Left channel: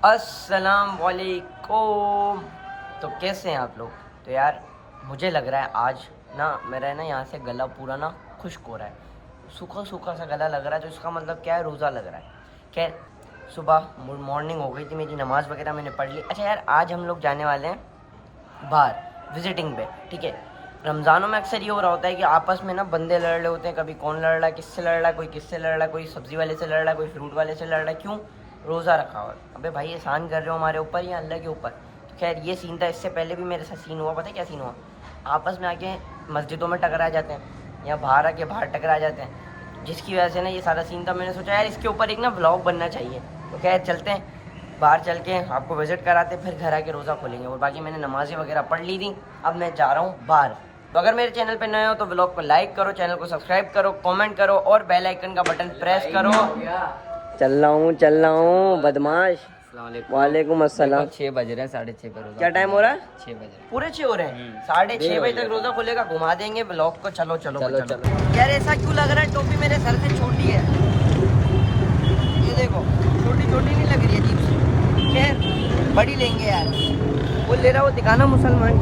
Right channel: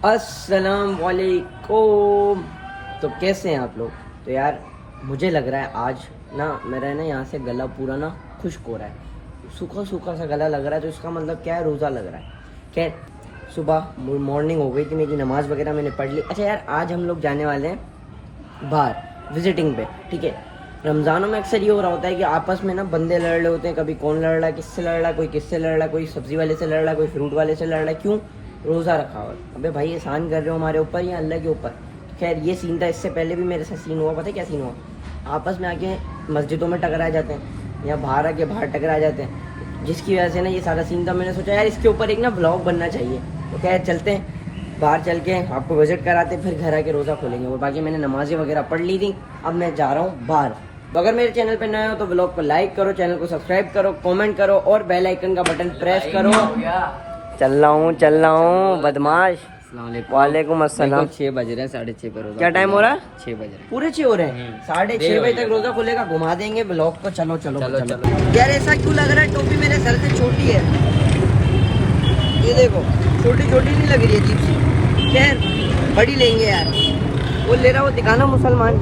अस्सलाम वालेकुम। तो कैसे हैं आप लोग? तो यार मुझे लग रहा है आज ना मेरा ना यहाँ से गला पूरा ना खुश्क हो रहा है, सूखा सूखा सा गला लग रहा है। तो इसका मतलब क्या है, रोज़ा लग रहा है। खैर सुबह मॉर्निंग हो गई थी, मेरी नमाज़ वगैरह मैंने पढ़ ली। अच्छा यार, आज हम लोग जाने वाले हैं बाहर विजिटिंग पे, ठीक है। रमज़ानों में अक्सर ये हो रहा होता है कि आपस में ना बंदे लड़ रहे होते हैं। कभी कौन लड़ रहा है, किससे लड़ रहा है, कोई किससे लड़ रहा है, कोई सब्ज़ी वाले से लड़ रहा है, कोई फ्रूट वाले से लड़ रहा है। क्यों? रोज़ा रखा हो। अबे भाई एहसान कर रहे हो हमारे ऊपर या अल्लाह के ऊपर? खैर ये सीन था, इससे पहले भी मेरे साथ सीन हुआ। पता है क्या सीन हुआ? आपस में आके मस्जिदों में टकरा जाते हैं या बाहर आके बाहर टकरा जाते हैं, जिसकी वजह से ना ये सारा सीन था। मैंने सोचा यार इसके ऊपर एक ना व्लॉग बनना चाहिए। तो क्या चलते हैं बाहर, चल के आपको विजिट कराते, फिर घर आके रोज़ा खोलेंगे। और बाकी मैंने नमाज़ें वगैरह पढ़ ली थी, अब मैं जा रहा हूँ बाहर। तो अगर मेरे चैनल पे नए हो तो व्लॉग को लाइक करो, चैनल को सब्सक्राइब करो, कमेंट करो और बेल आइकन का बटन प्रेस करो। चल रहा हूँ बदमाश। वालेकुम अस्सलाम। 6 बज रहे हैं, 6:30 पे रोजा। क्या टाइम हो रहा है? 6 बज रहे हैं। पूरे 6 हो रहे हैं। 6:30 बजे तक रोजा खुलेगा, घुमा देंगे ब्लॉग को। चलो चलो चलो। यार ऐसा क्यों लग रहा है टोपी मेरे सर से छोटी है? ये देखो छोटी छोटी नहीं लग रही है, अजीब सी। खैर बड़ी लेंगे यार। वो ले रहा, वो दिखाना मुसलमान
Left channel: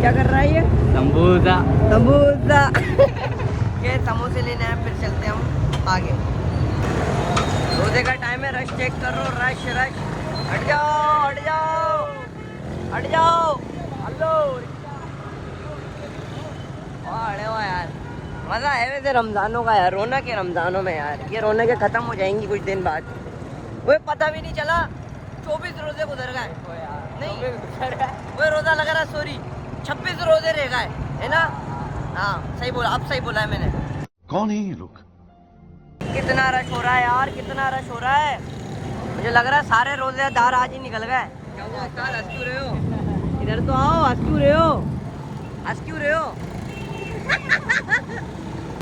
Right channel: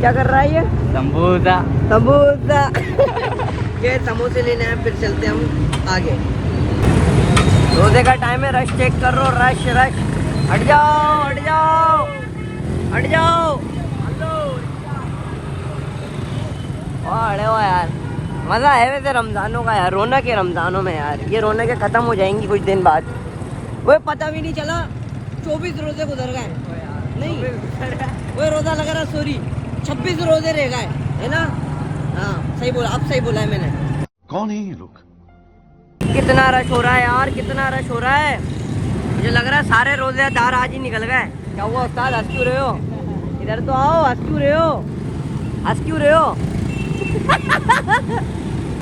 क्या कर रहा है ये? समोसा। समोसा। खैर समोसे लेने हैं, फिर चलते हम आगे। रोजे का टाइम है, रश चेक कर रो, रश रश। हट जाओ हट जाओ हट जाओ। अरे वाह यार, मजा है वैसे रमजानों का यार। रौनक है रमजानों में यार। ये रौनकें खत्म हो जाएंगी कुछ दिन बाद। वो पता भी नहीं चला 24 रोजे गुजर गए। नहीं वो रोजा लगा रहा, सॉरी 26 रोजे रह गए, है ना? हाँ सही बोला, अब सही बोला है मैंने। कौन है ये लोग? कितना रश हो रहा है यार, कितना रश हो रहा है। मुझे लग रहा है सारे रोजेदार आज ही निकल गए। क्या हुआ उस्ताद, हंस क्यों रहे हो? इधर तो आओ, हंस क्यों रहे हो? हंस क्यों रहे हो?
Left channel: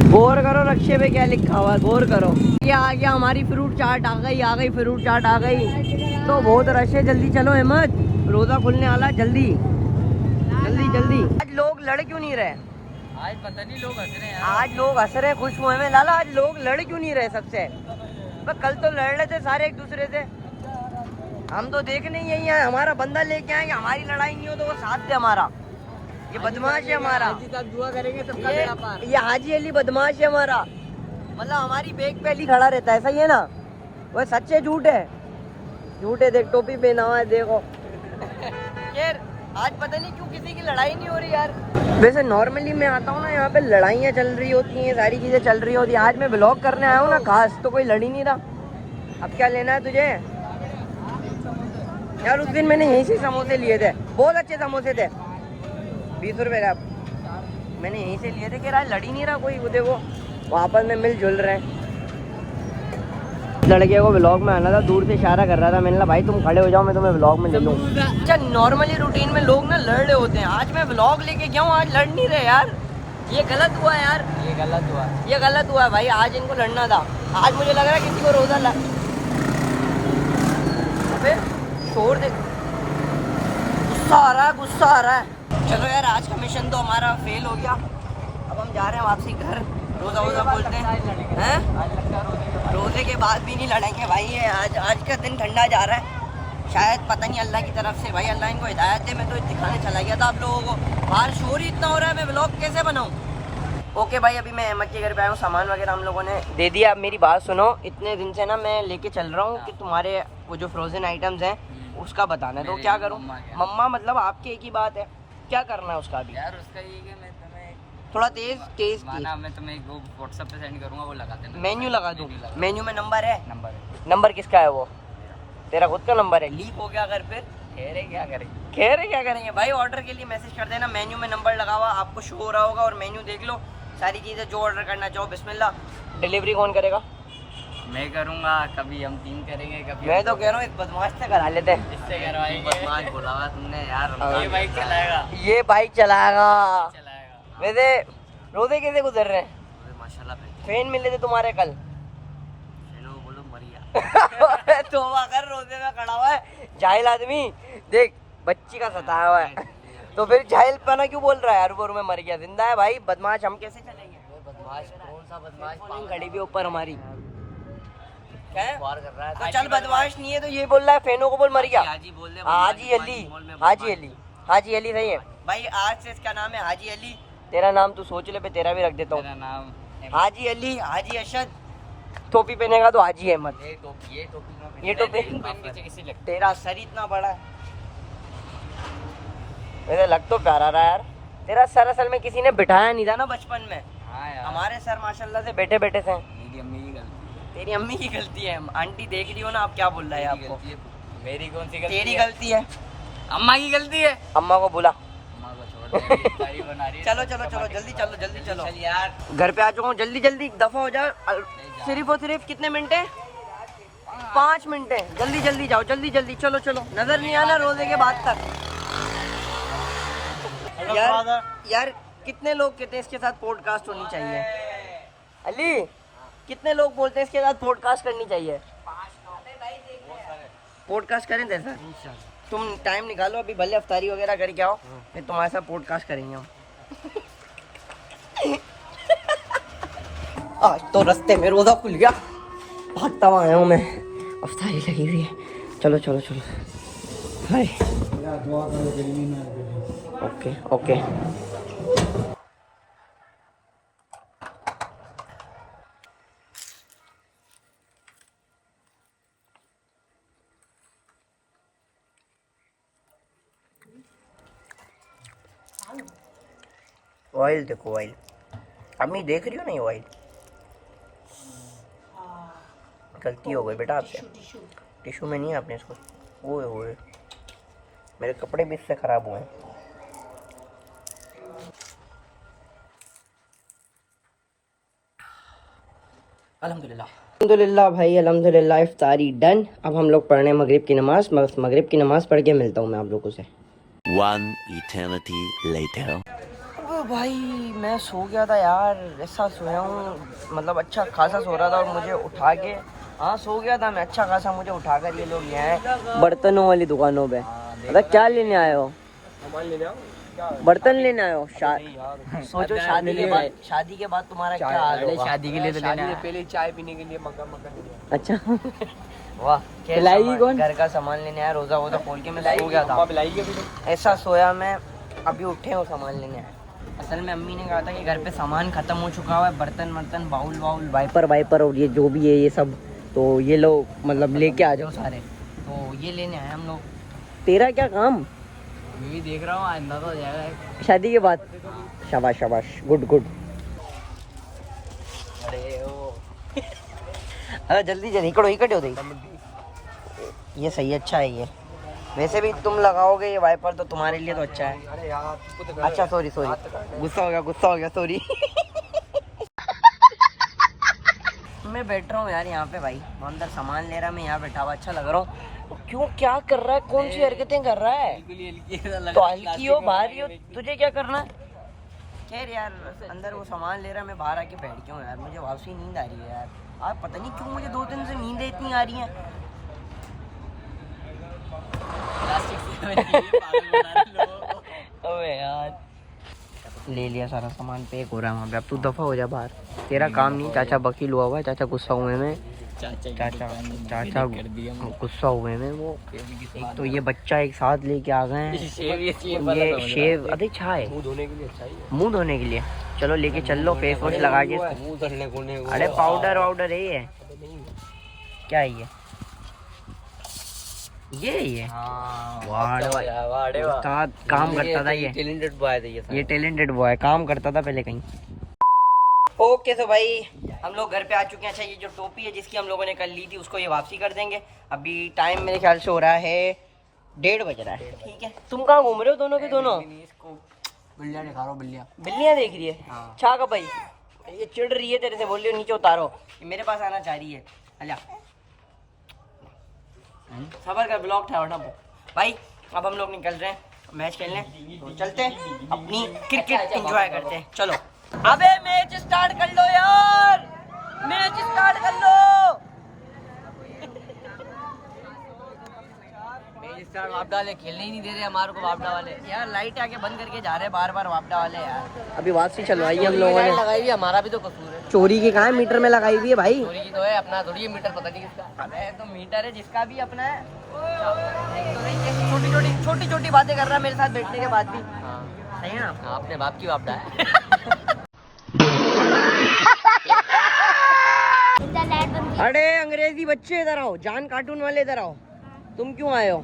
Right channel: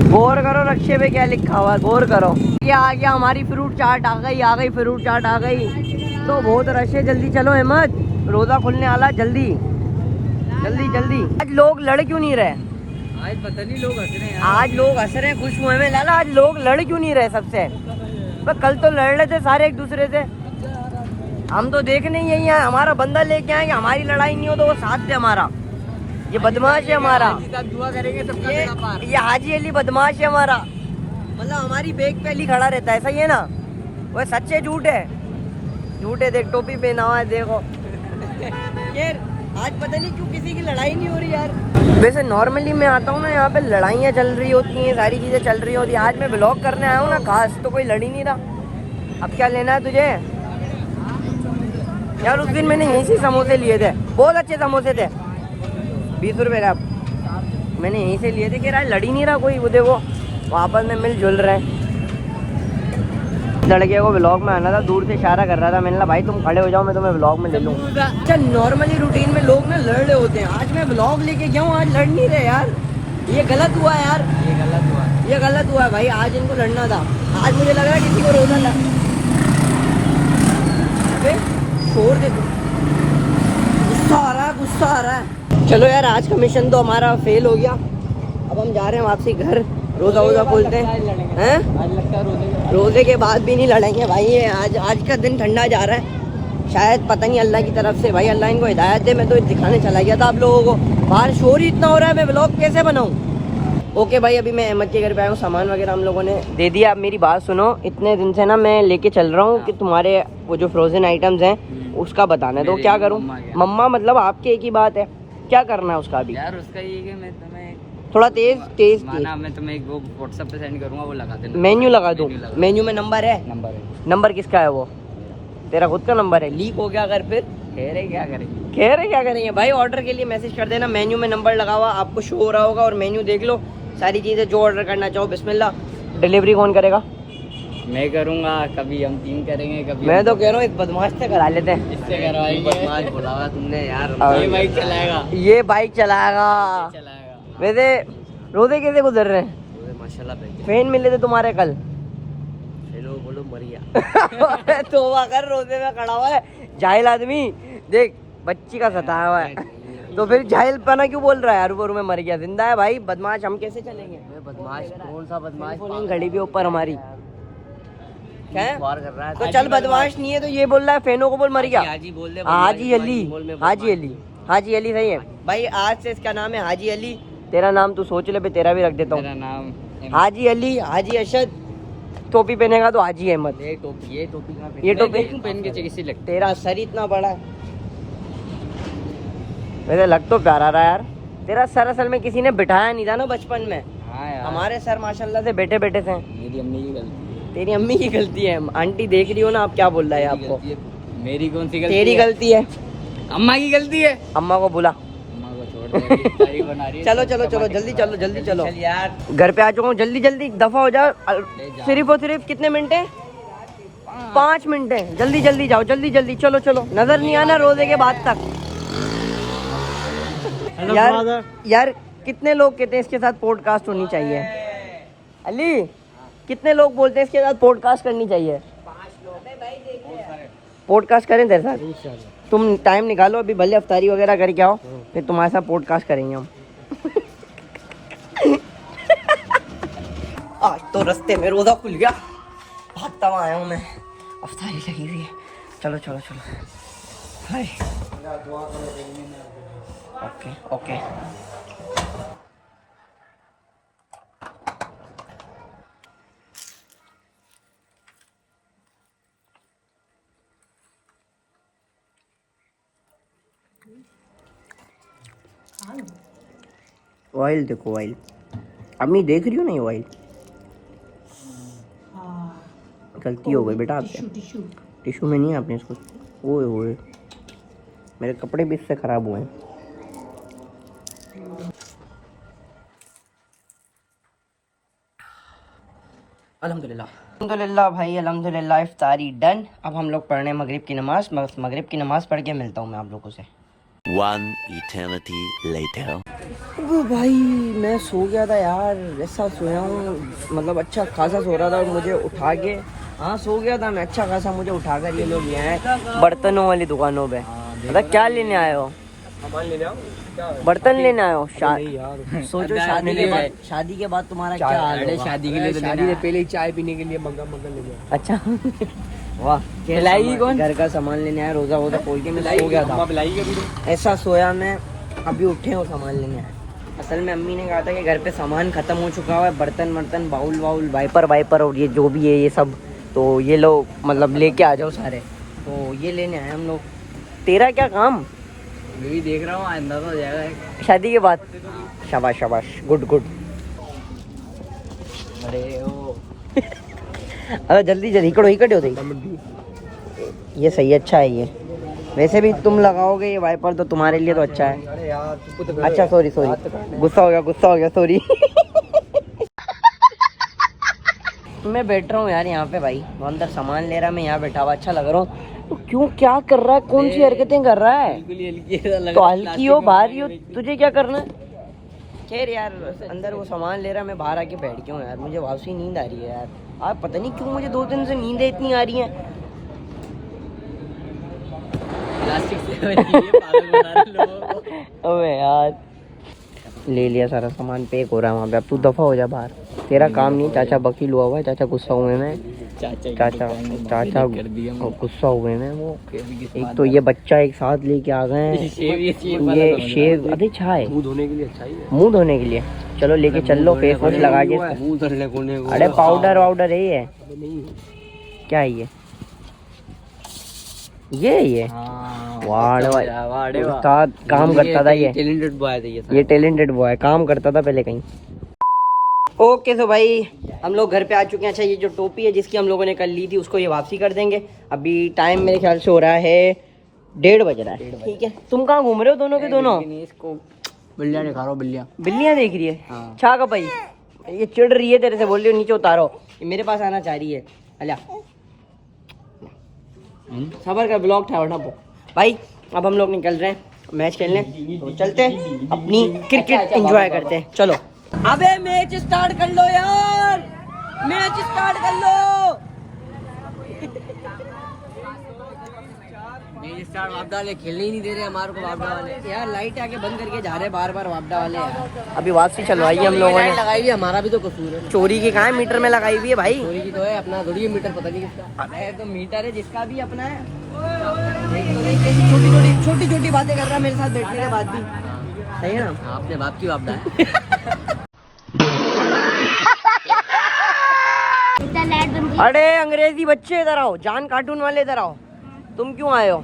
गौर करो रक्शे पे क्या लिखा हुआ है, गौर करो। ये आ गया हमारी फ्रूट चाट, आ गई फ्रूट चाट आ गई। तो बहुत रश है, जल्दी चलो अहमद, रोजा खुलने वाला, जल्दी जल्दी जल्दी। आज लोग लड़ क्यों नहीं रहे? आज पता नहीं लोग हंस रहे हैं। आज लोग हंस रहे, खुश हुए में लाला। आज लोग लड़ क्यों नहीं रहे सबसे? पर कल तो लड़ रहे थे सारे एक दूसरे से। हम तो देखने ही यही है, हमारा बंदा लेके आए कि हमारी लड़ाई नहीं हो तो वो साथ दे हमारा। ये बदमाश है हमारा, दुआ करेंगे सब। ये हाजी अली बदमाश है हमारा। मतलब हमारी बेग पे अली खड़ा रहता है, सही है ना? वह सच्चे झूठ है, झूठे। देख टोपी पहना हुआ है, देखो। यार आज पता नहीं क्यों किसी की लड़ाई नहीं हो रही यार। वैसे नॉर्मली मैं आता हूँ ना, यहाँ पे लड़ाइयाँ चल रही होती हैं, सारी चीजें चल रही होती हैं। आज मैं ब्लॉग करने आया हूँ ना खास, तो कोई लड़ ही नहीं रहा। अब क्या लेना है तुझे? यार उस दिन मैंने यहीं से समोसे लिए थे, बहुत अच्छे समोसे थे, 20 रुपए का। मैंने यहीं से लिए थे। कि यार लड़ ही नहीं रहा कोई। वो देखो आपस में मिलजुल रहे हैं। लड़के को ब्लॉग में आना था, दूर से इशारा कर रहा था। मैंने कहा भाई तुम खड़े हो जाओ, मैं तुम्हें ब्लॉग में। अच्छा नॉर्मली रूटीन में लोग ना लड़ रहे होते हैं, आज मैं ब्लॉग लेके गया हूँ, आज लड़ नहीं रहे यार। ये गलत हुआ यार, ये गलत हुआ भाई। आज इनको लड़ना था। आज मुझे लग रहा है किसी को रोजा लग। अबे छोड़ दे, गुस्सा आ रहा है, गुस्सा आ रहा है। चलो यार, आज का मिशन तो हमारा फेल हो गया। अब हम जा रहे हैं वापसी घर, रोजा वोजा खोलते हैं। रोजे के बाद भी नहीं लड़ेंगे भाई। ये आज का दिन ठंडा जा रहा है, शायद पता नहीं अल्लाह की तरफ से। भाई अल्लाह इनको हिदायत दे। मैं तो दिखाने चला गया था आप लोगों को, बाहर शोर ही इतना हो रहा है, मैं व्लॉग कैसे बनाऊं? ओके भाई, अभी मैं अहमद के घर पे आया हूँ, सामान वगैरह हम लोगों ने दे दिया। अब मेरी बात सुनो, इतने दिन से ना मैं लेके चल रहा हूँ कि तुम्हारे वो जो फ्रोजन आइटम्स हैं उसका बताना है। तो क्या करूँ? मम्मा मतलब आपकी एक ही बात है, क्या करना है उसका अभी? यार उसका ये कि मैं तुम्हें थोड़ा तेज मैं तुम्हें एक वो व्हाट्सएप पे सेंड करूंगा, वो लगा देना। मेन्यू लगा दूँ? मेन्यू में नंबर है? नंबर किसका है वो? तेरा खुद का नंबर है? लीक हो गया अगर फिर कह रहे क्या करेंगे भाई? ऑर्डर के लिए मैसेज कर देना, मेन्यू में नंबर लगा हुआ आपको शो हो रहा होगा, और मेन्यू देख लो, सारी चीजें जो ऑर्डर करना चाहो बिस्मिल्लाह। डिलीवरी कौन करेगा? मैं करूंगा, कभी हम 3 करेंगे, कभी मैं तो कह रहा हूँ इस बदमाश से करा लेते। इससे करवाएंगे। बदमाश बुलावा तुमने यार। ये बाइक चलाएगा, ये बाइक चलाएगा। वैसे रोजे कैसे गुजर रहे हैं? माशाल्लाह फैन मिले थे तुम्हारे कल? बोलो मर गया। तो अगर रोजे में खड़ा हुआ है जाहिल आदमी, देख बच्ची का सताया हुआ है, तो फिर जाहिल पना क्यों बोल रहा है यार? वो में मर गया, जिंदा है भाई। बदमाश हम कैसे चलेंगे? बदमाश कौन सा बदमाश? घड़ी भी ऊपर हमारी। क्या है? और कर रहा है तो चल बदमाश नहीं है तो ये बोल रहा है फेनो को बोल मर गया। हाजी बोल दे हाजी अली, हाजी अली, हाजी अली सही है भाई। आज से इसका नाम है हाजी अली। तेरा नाम तो सोच ले भाई, तेरा भी रख देता हूँ। मेरा नाम हाजी अली, हाजी अरशद। टोपी पहनेगा तो हाजी अहमद। ये टोपी ये ये टोपी देखूं पहन के कैसी लगती तेरा सर इतना बड़ा है, वैसे लग तो प्यारा रहा यार। तेरा सर असल में किसी ने बिठाया नहीं था ना बचपन में। है। हमारे सर माशाल्लाह से बेटे बेटे थे। मेरी अम्मी की गलती तेरी अम्मी की गलती है। आंटी देख रही हो ना आप, क्या बोल रहा है आपको? है। मेरी कौन सी गलती तेरी है? गलती है। अम्मा की गलती है। अम्मा को बुला। अम्मा को छोड़ दे, अभी तारीफ बना रही है। चलो चलो चलो जल्दी चलो, जल्दी चलो। चल यार घर पे आ चुका हूँ, जल्दी जल्दी दफा हो जा। सिर्फ और सिर्फ कितने मिनट है? 5 मिनट है। जल्दी जल्दी जाओ, जल्दी जल्दी चलो चलो। नजर नहीं आना रोजे के बाद तक। यार यार कितने लोग कहते हैं इसके साथ पॉडकास्ट होनी चाहिए? अली कितने लोग बोलते हैं इसके साथ पॉडकास्ट करनी चाहिए? पॉडकास्ट करें तेरे साथ? तुम टाइम निकालो अभी, भले अफ्तारी वगैरह करके आओ, फिर तुम्हारे साथ पॉडकास्ट करेंगे हम। आज तो रास्ते में रोजा खुल गया, भागता हुआ आया हूँ मैं। अफ्तारी लगी हुई है। चलो चलो चलो। हाय ओके ओके। ऑयल देखो, ऑयल अम्मी देख रही हो नहीं? ऑयल गलती हो गई बेटा आपसे। टिश्यू में नहीं आपने इसको। ओए ओए मेरे कपड़े भी इससे खराब हुए। अल्हम्दुलिल्लाह भाई, अल्हम्दुलिल्लाह इफ्तारी डन। अब हम लोग पढ़ने मगरिब की नमाज। मगरिब की नमाज पढ़ के मिलता हूँ मैं आप लोगों से। One eternity later. वो भाई मैं सो गया था यार, ऐसा सोया हूँ, मतलब अच्छा खासा सो रहा था और मुझे उठा के, हाँ सो गया था मैं अच्छा खासा, मुझे उठा कर ये लोग ले आए बर्तनों वाली दुकानों पे। मतलब क्या लेने आए हो? बर्तन लेने आए हो? सोचो शादी के बाद तुम्हारा क्या हाल होगा? शादी के लिए तो शादी से पहले चाय पीने के लिए मग्गा लेंगे। अच्छा वाह, पिलाएगी कौन? घर का सामान लेने आया, रोजा वोजा खोल के मैं सो गया था। ऐसा सोया मैं, अभी उठे हो सामान लेने आए। असल में अम्मी ने कहा था कि घर पे सामान खत्म हो चुका हुआ है, बर्तन वर्तन बाउल वाउल वाइपर और ये जो भी है ये सब, तो ये लोग मतलब लेके आ जाओ सारे। तो ये लेने आए हम लोग। तेरा क्या काम? मैं भी देख रहा हूँ, आइंदा तो हो जाएगा शादी के बाद। शाबाश शाबाश, गुड गुड। अरे जल्दी जल्दी इकट्ठे हो गई। ये सही है, अच्छा है ये। वैसे भी तुम लगाओगे ये वाइपर तो तुम्हारे लिए तो अच्छा है। अरे यार अच्छा सॉरी सॉरी, गुस्सा हो गया सॉरी। मैं बैठ रहा हूँ यार यहाँ पे भाई, वो अंदर सामान ले रहा है, मैं यहाँ बैठा हुआ अच्छा लग रहा हूँ। तो क्यों क्या कर रहा है, कौन सी हरकतें कर रहा है? तो हल्की हो भारी हो, तुझे क्या करना है? खैर यार अंदर वो सामान ले रहा है, मैं बाहर आके बैठ गया हूँ यार। मुझे वापसी नींद आ रही है यार। आप पता नहीं क्यों मुझे 2 दिन से नींदें इतनी आ रही हैं। अबे यार ले लिया सारा सामान, पैक हो रहा है वहाँ पे। अब तू दफा हो जा बाहर, तेरा काम नहीं। चाचा वकील हुआ हुआ है, चाचा गुस्सा हुए में, चाचा गुस्सा हुए में वो। तो ये बच्चा एक साथ लेके आ गए हैं, ये शेव अरे छाए मुंह धोने के लिए। चलो लेके चल लो, फेस वॉश लगा के। अरे पाउडर वाउडर है ये, क्या है ये वाड़ उस्ताद काम करता था ये टैलेंटेड बॉय था ये टैलेंटेड बॉय है, काम करता था पहले कहीं। ओके तो भाई हम लोग घर पे आ चुके हैं। अच्छा ये जो टोपी है जिसकी हम लोगों ने कल ली थी उसको ये वापसी कर देंगे। अभी टाइम मेरे ख्याल से हो रहा है 1:30 बज रहा है। ठीक है, तुम कहाँ घूम रहे हो दोनों के दोनों? इसको बिल्लियाँ दिखा रहा हूँ, बिल्लियाँ देख रही है। हाँ। छा का भाई ये चिढ़ रही है तेरे से, बोल रही हो नीचे उतारो, ये मेरे पास आना चाह रही है। अला सबर कर, ब्लॉग था उठा भाई। अब हम लोग निकल रहे हैं मैच खेलने, तो चलते हैं अपनी क्रिकेट एंजॉय करते हैं। चलो अबे मैच स्टार्ट कर लो यार, मैच स्टार्ट कर लो। स्टार वापडा वाले खेलने ही नहीं दे रहे हमारे को वापडा वाले। यार लाइट आके बंद करके जा रहे बार बार वापडा वाले यार। अभी वापसी चलवाई है हम लोगों ने। लगाई है, हमारा भी तो कसूर है। चोरी की कहाँ मीटर में लगाई हुई है भाई। चोरी की तो है, अपना थोड़ी है मीटर, पता नहीं किसका। अबे तो मीटर है जिसका भी अपना है। छोटी छोटी बातें कर रहा मेरे साथ बैठने के बाद भी। सही है ना? आपने बाप की वापडा है। अरे अंग्रेजी बच्चे इधर आओ, जान कार्टून वाले इधर आओ। तुम क्यों आए हो?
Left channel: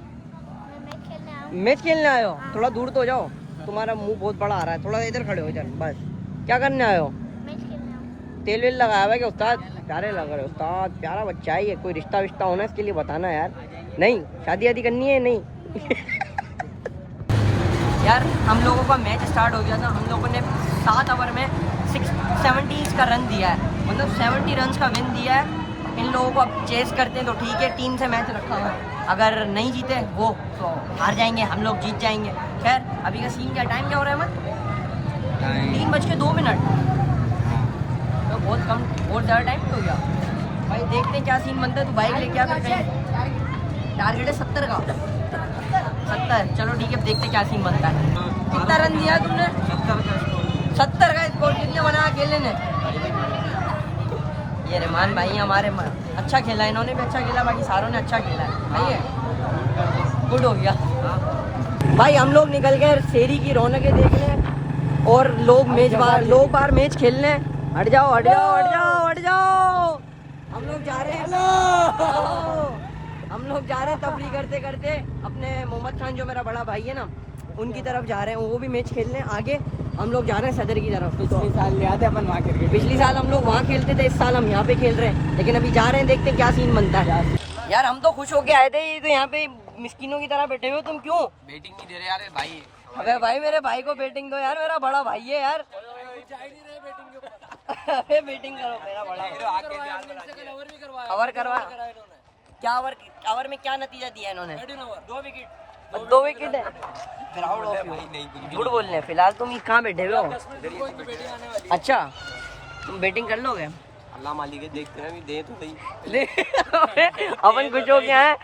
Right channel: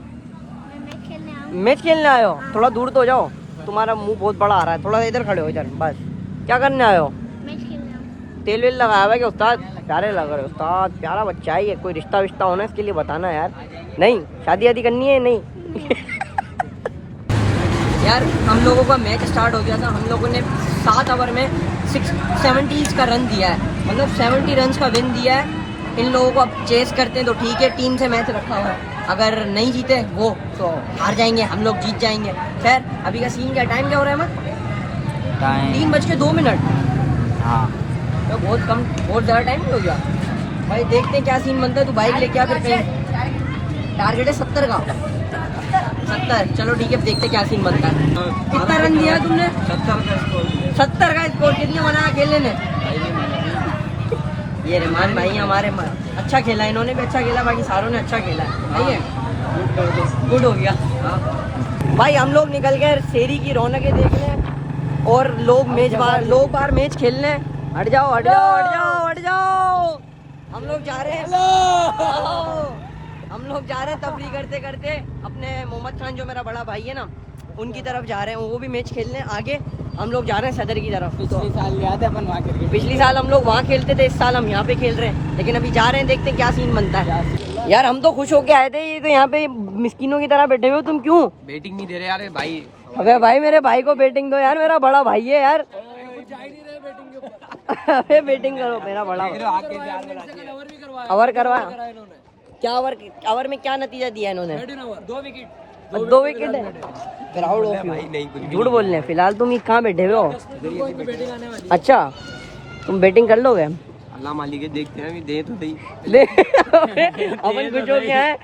मैच खेलने आए हो? थोड़ा दूर तो जाओ, तुम्हारा मुंह बहुत बड़ा आ रहा है। थोड़ा इधर खड़े हो इधर बस। क्या करने आए हो? तेल वेल लगाया हुआ है क्या उस्ताद? प्यारे लग रहे उस्ताद, प्यारा बच्चा है ये। कोई रिश्ता विश्ता होना इसके लिए बताना यार। नहीं शादी वादी करनी है? नहीं यार हम लोगों का मैच स्टार्ट हो गया था। हम लोगों ने 7 ओवर में 70 का रन दिया है, मतलब 70 रन का विन दिया है। इन लोगों को अब चेस करते हैं तो ठीक है, टीम से मैच रखा हुआ है। अगर नहीं जीते वो तो हार जाएंगे, हम लोग जीत जाएंगे। खैर अभी का सीन क्या, टाइम क्या हो रहा है? 3:02। हाँ तो बहुत कम, बहुत ज़्यादा टाइम हो गया भाई। देखते हैं क्या सीन बनता है। तू बाइक लेके आ फिर कहीं। टारगेट है 70 का। 70 चलो ठीक है, देखते क्या सीन बनता है। कितना रन दिया है तुमने? 70 का स्कोर दिया। 70 का स्कोर। कितने बनाया खेलने ने? ये रहमान भाई हमारे अच्छा खेला, इन्होंने भी अच्छा खेला, बाकी सारों ने अच्छा खेला। सही है, गुड हो गया। भाई हम लोग निकल गए शेरी की रौनकें देखने और लोग बार मैच खेलने। हट जाओ हट जाओ हट जाओ हट जाओ। हम लोग जा रहे हैं तफरी करते करते अपने मोहम्मद खान जो मेरा बड़ा भाई है ना, उनकी तरफ जा रहे हैं। वो भी मैच खेलने आगे। हम लोग जा रहे हैं सदर की तरफ। पिछले साल याद है अपन वहाँ खेल। पिछली साल हम लोग वहाँ खेलते थे, इस साल हम यहाँ पे खेल रहे हैं। लेकिन अभी जा रहे हैं, देखते हैं क्या सीन बनता है। यार हम तो खुश होके आए थे, ये तो यहाँ पे मिस्किनों की तरह बैठे हुए हो। तुम क्यों बैटिंग नहीं दे रहे यार भाई? अबे भाई मेरे भाई को बैटिंग दो यार, मेरा बड़ा भाई है यार। अबे बैटिंग करो, मेरा बड़ा ओवर करवा। क्या ओवर में क्या नतीजा दिया इन्होंने? 2 विकेट है। Proud of you. झूठ बोल रहे फिलहाल तुम ये कहाँ बैठे हुए हो? अच्छा तुम बैटिंग कर लोगे? अल्लाह मालिक है, देखते हैं दे तो सही। अपन कुछ हो गया है,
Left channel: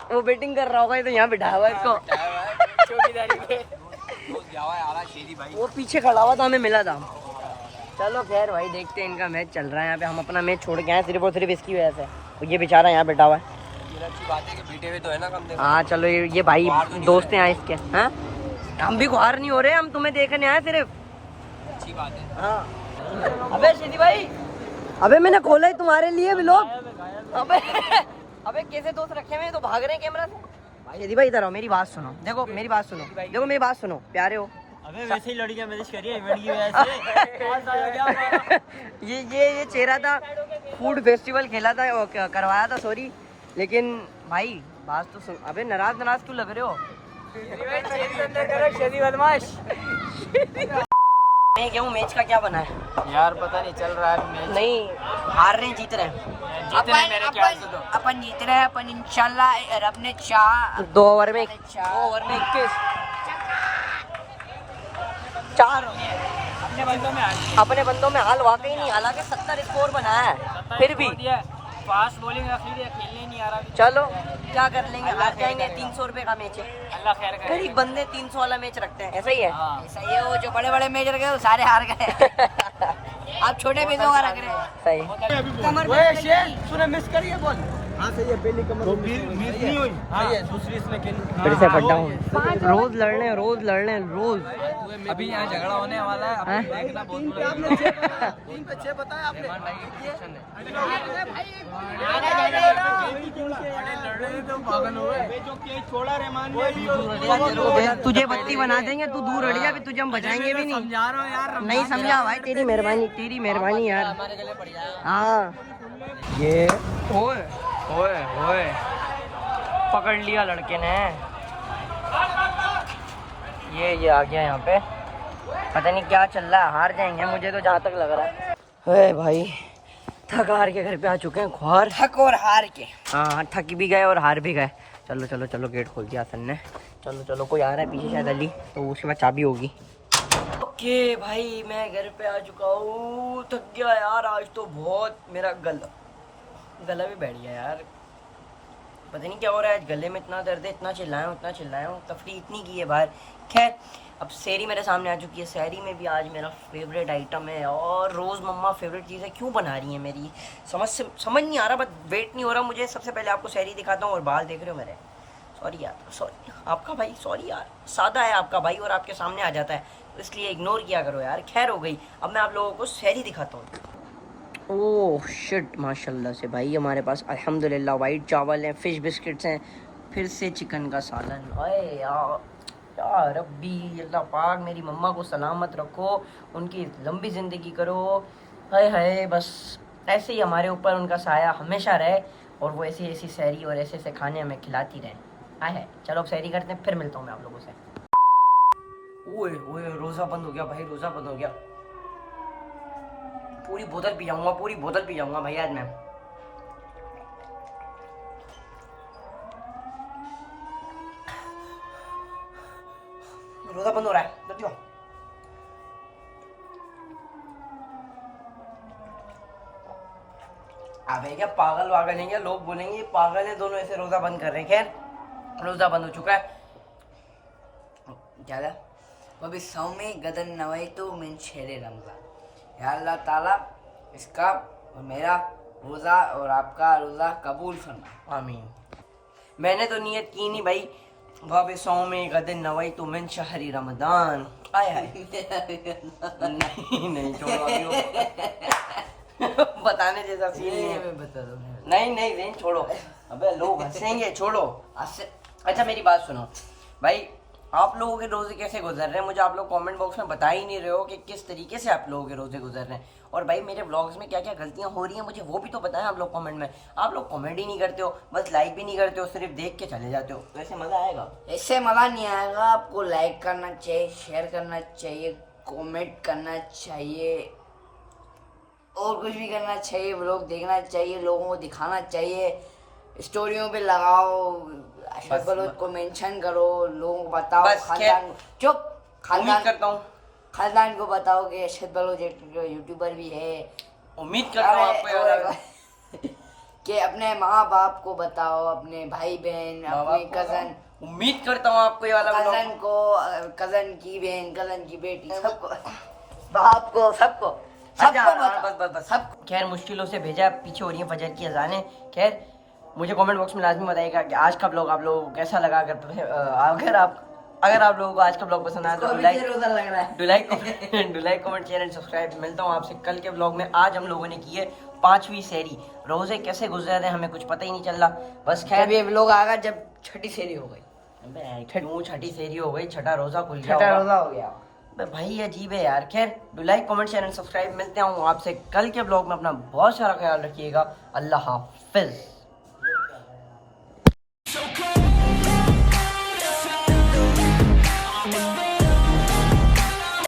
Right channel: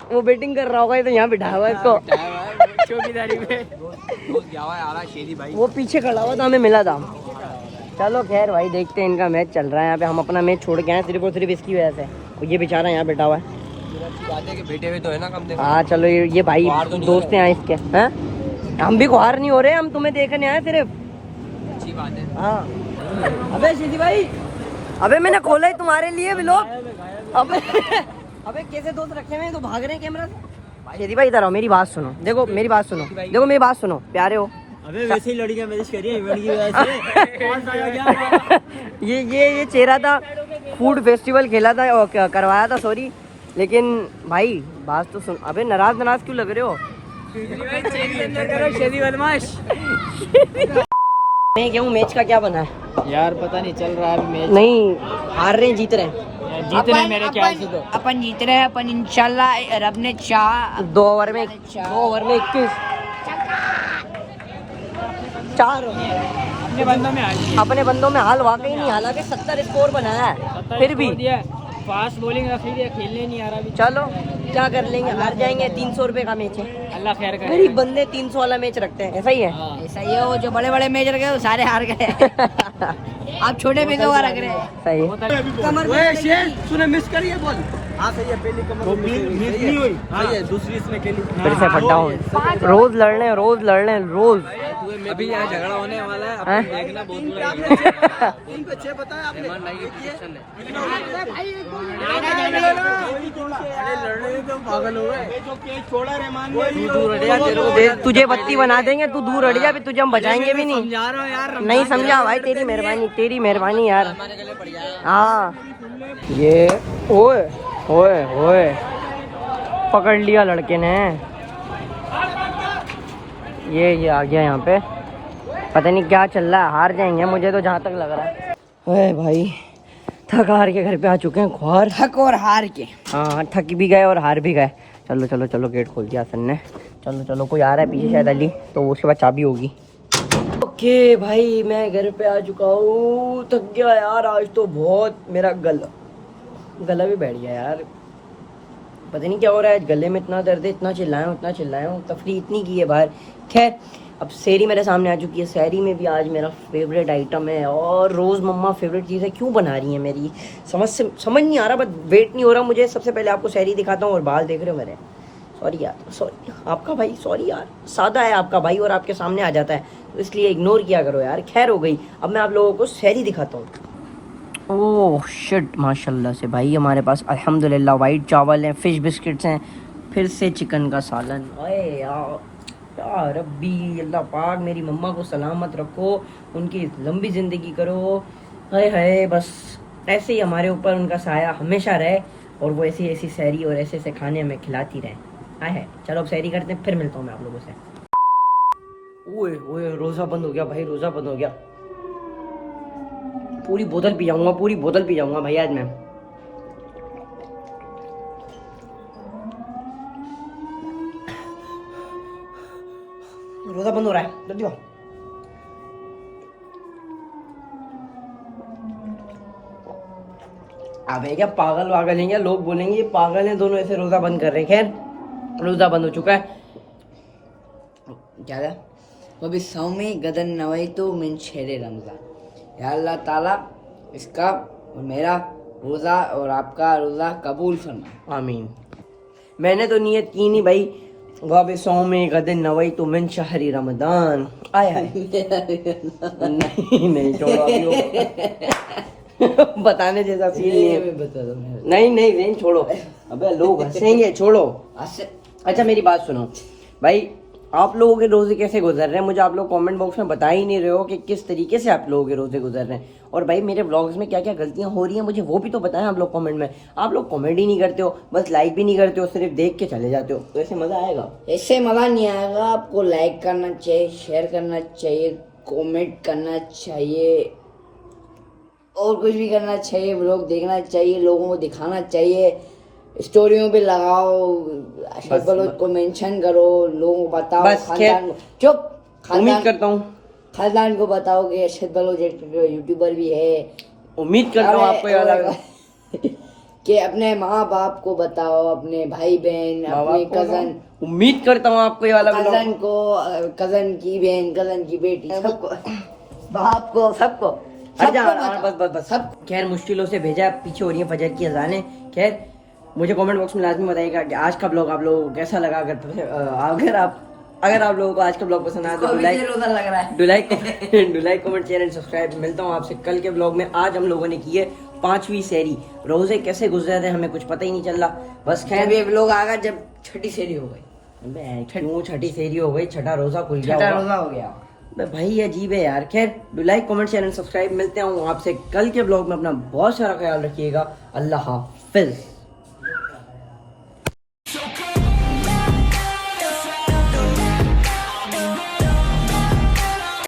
वो बैटिंग कर रहा होगा तो यहाँ बिठा हुआ इसको। वो पीछे खड़ा हुआ था, हमें मिला था। चलो खैर भाई देखते हैं, इनका मैच चल रहा है यहाँ पे। हम अपना मैच छोड़ के आए सिर्फ और सिर्फ इसकी वजह से। ये बेचारा यहाँ बैठा हुआ है। बेटे हुए तो है ना कम से कम। हाँ चलो ये भाई दोस्त हैं इसके। हैं हम भी खुआर नहीं हो रहे, हम तुम्हें देखने आए सिर्फ। अच्छी बात है। हाँ अबे सीधी भाई, अबे मैंने खोला ही तुम्हारे लिए भी लोग। अबे कैसे दोस्त रखे हुए तो भाग रहे हैं कैमरा से। सीधी भाई इधर आओ, मेरी बात सुनो। देखो मेरी बात सुनो, मेरी बात सुनो, प्यारे हो। अबे वैसे ही लड़कियां मैसेज कर रही है इवेंट की वजह से। ये चेहरा था, फूड फेस्टिवल खेला था और करवाया था, सॉरी। लेकिन भाई बात तो सुन। अबे नाराज क्यों लग रहे हो? मैं क्या हूँ, मैच का क्या बना है यार? पता नहीं, चल रहा है अभी मैच। नहीं हार रहे हैं जीत रहे हैं। जीतने मेरे ख्याल से तो अपन जीत रहे हैं। अपन इंशाल्लाह रब ने चाह 2 ओवर में 21 4 अपने बंदों में हाल वाकई नहीं। हालांकि 70 स्कोर बना है, फिर भी फास्ट बॉलिंग रखी है, खेलने नहीं आ रहा अभी। चलो क्या कर लेंगे, हार जाएंगे। 300 रुपए का मैच है। अल्लाह खैर करे। गरीब बंदे 300 वाला मैच रखते हैं, ऐसा ही है। ऐसा ही है, वो जो बड़े बड़े मैच रखे वो सारे हार गए। आप छोटे पैसों का रख रहे हैं। कमर तूने मिस करी है बॉल। हाँ सही है, पहली कमर तो मिस नहीं हुई। हाँ ये दूसरी इसने खेली। फिर से खड्डा हो। रोज लड़ रहे हैं रोज। अभी यहाँ झगड़ा होने वाला है, हैं? अपन देखना बहुत बुरा झगड़ा। बच्चे पता है आपने लड़ने तो पागल हो गए। जो केस छोड़ा रहमान ने, तुझे बत्ती बना देंगे, तू दूर हट जा, फिर तुझे हम बचाएंगे भी नहीं। समझा रहा हूँ यार। नहीं समझा भाई, तेरी मेहरबानी यार। हाँ ये ओए ओए ओए पकड़ लिया लड़के ने। ये आ गया यहाँ पे, पता नहीं क्या चल रहा है। हार जाएंगे मुझे तो जहाँ तक लग रहा है। अरे भाई थक हार के घर पे आ चुके हैं। ख्वार थक और हार के। हाँ थक भी गए और हार भी गए। चलो चलो चलो, गेट खोल दिया सन ने। चलो चलो, कोई आ रहा है पीछे शायद अली, तो उसके बाद चाबी होगी। ओके भाई मैं घर पे आ चुका हूँ। थक गया यार आज तो बहुत। मेरा गला भी बैठ गया यार। पता नहीं क्या हो रहा है, गले में इतना दर्द है, इतना चिल्लाया हूँ, तफरी इतनी की है बाहर। खैर अब सेहरी मेरे सामने आ चुकी है। सेहरी में भी आज मेरा फेवरेट आइटम है, और रोज़ मम्मा फेवरेट चीज़ है, क्यों बना रही है मेरी समझ नहीं आ रहा, बट वेट नहीं हो रहा मुझे। सबसे पहले आपको सेहरी दिखाता हूँ, और बाल देख रहे हो मेरे, सॉरी यार, सॉरी आपका भाई, सॉरी यार, सादा है आपका भाई और आपके सामने आ जाता है, तो इसलिए इग्नोर किया करो यार। खैर हो गई, अब मैं आप लोगों को सेहरी दिखाता हूँ। ओह शिट, माशाल्लाह से भाई हमारे पास अल्हम्दुलिल्लाह वाइट चावल हैं, फिश बिस्किट्स हैं, फिर से चिकन का सालन। अरे यार या रब्बी, अल्लाह पाक मेरी मम्मा को सलामत रखो, उनकी लंबी ज़िंदगी करो। हाय हाय, बस ऐसे ही हमारे ऊपर उनका साया हमेशा रहे, और वो ऐसी ऐसी सहरी और ऐसे ऐसे खाने हमें खिलाती रहें। हाय है, चलो अब सहरी करते हैं, फिर मिलता हूँ मैं आप लोगों से। ओए ओए, रोज़ा बंद हो गया भाई, रोज़ा बंद हो गया। पूरी बोतल पी जाऊंगा भाई आज मैं। रोज़ा बंद हो रहा है, जल्दी आओ। अबे क्या पागल वागल हैं क्या, लोग बोलेंगे ये पागल हैं दोनों, ऐसे रोज़ा बंद कर रहे हैं। खैर रोज़ा बंद हो चुका है। क्या था? वबी सौमी गदन नवैतु मिन शहर रमज़ान। या अल्लाह ताला इसका और मेरा रोज़ा और आपका रोज़ा कबूल फरमा। आमीन। मैंने तो नियत की नहीं भाई, वबी सौमी गदन नवैतु मिन शहर रमज़ान। आय हाय नहीं छोड़ो अभी वो बताने जैसा फील नहीं है। बता दो नहीं छोड़ो, अबे लोग हंसेंगे, छोड़ो। अच्छा मेरी बात सुनो भाई, आप लोगों के रोजे कैसे गुजर रहे हैं, मुझे आप लोग कमेंट बॉक्स में बता ही नहीं रहे हो कि किस तरीके से आप लोगों के रोजे गुजर रहे हैं। और भाई मेरे व्लॉग्स में क्या क्या गलतियां हो रही हैं मुझे वो भी तो बताएं आप लोग कमेंट में। आप लोग कमेंट ही नहीं करते हो, बस लाइक भी नहीं करते हो, सिर्फ देख के चले जाते हो, तो ऐसे मजा आएगा? ऐसे मज़ा नहीं आएगा। आपको लाइक करना चाहिए, शेयर करना चाहिए, कमेंट करना चाहिए, और कुछ भी करना चाहिए। व्लॉग देखना चाहिए, लोगों को दिखाना चाहिए, स्टोरियों पे लगाओ, अशरफ बलोच को मेंशन करो, लोगों को बताओ, बस खानदान चुप, उम्मीद करता हूँ, खानदान को बताओ कि अशरफ बलोच एक यूट्यूबर भी है। उम्मीद करता हूँ आपको याद आएगा कि अपने माँ बाप को बताओ, अपने भाई बहन, अपने कजन, उम्मीद करता हूँ आपको ये वाला कजन को, कजन की बहन, कजन की बेटी, सबको, बाप को, सबको, बस सब। खैर मुश्किलों से भेजा, पीछे हो रही है फजर की अजानें। खैर मुझे कमेंट बॉक्स में लाजमी बताइएगा कि आज का ब्लॉग आप लोगों को कैसा लगा। अगर आप लोगों को आज का ब्लॉग पसंद आया तो like comment share and subscribe. मिलता हूँ आपसे कल के ब्लॉग में। आज हम लोगों ने की है 5वीं सेहरी। रोजे कैसे गुजर रहे हैं हमें कुछ पता ही नहीं चल रहा। बस खैर ये ब्लॉग आएगा जब छठी सेहरी हो गई। क्यों छठी सेहरी हो गई, छठा रोजा खुल छठा गया रोजा हो गया भाई, अजीब है यार। खैर like comment share and subscribe. मिलते हैं आपसे कल के ब्लॉग में। अपना बहुत सारा ख्याल रखिएगा। अल्लाह हाफिज।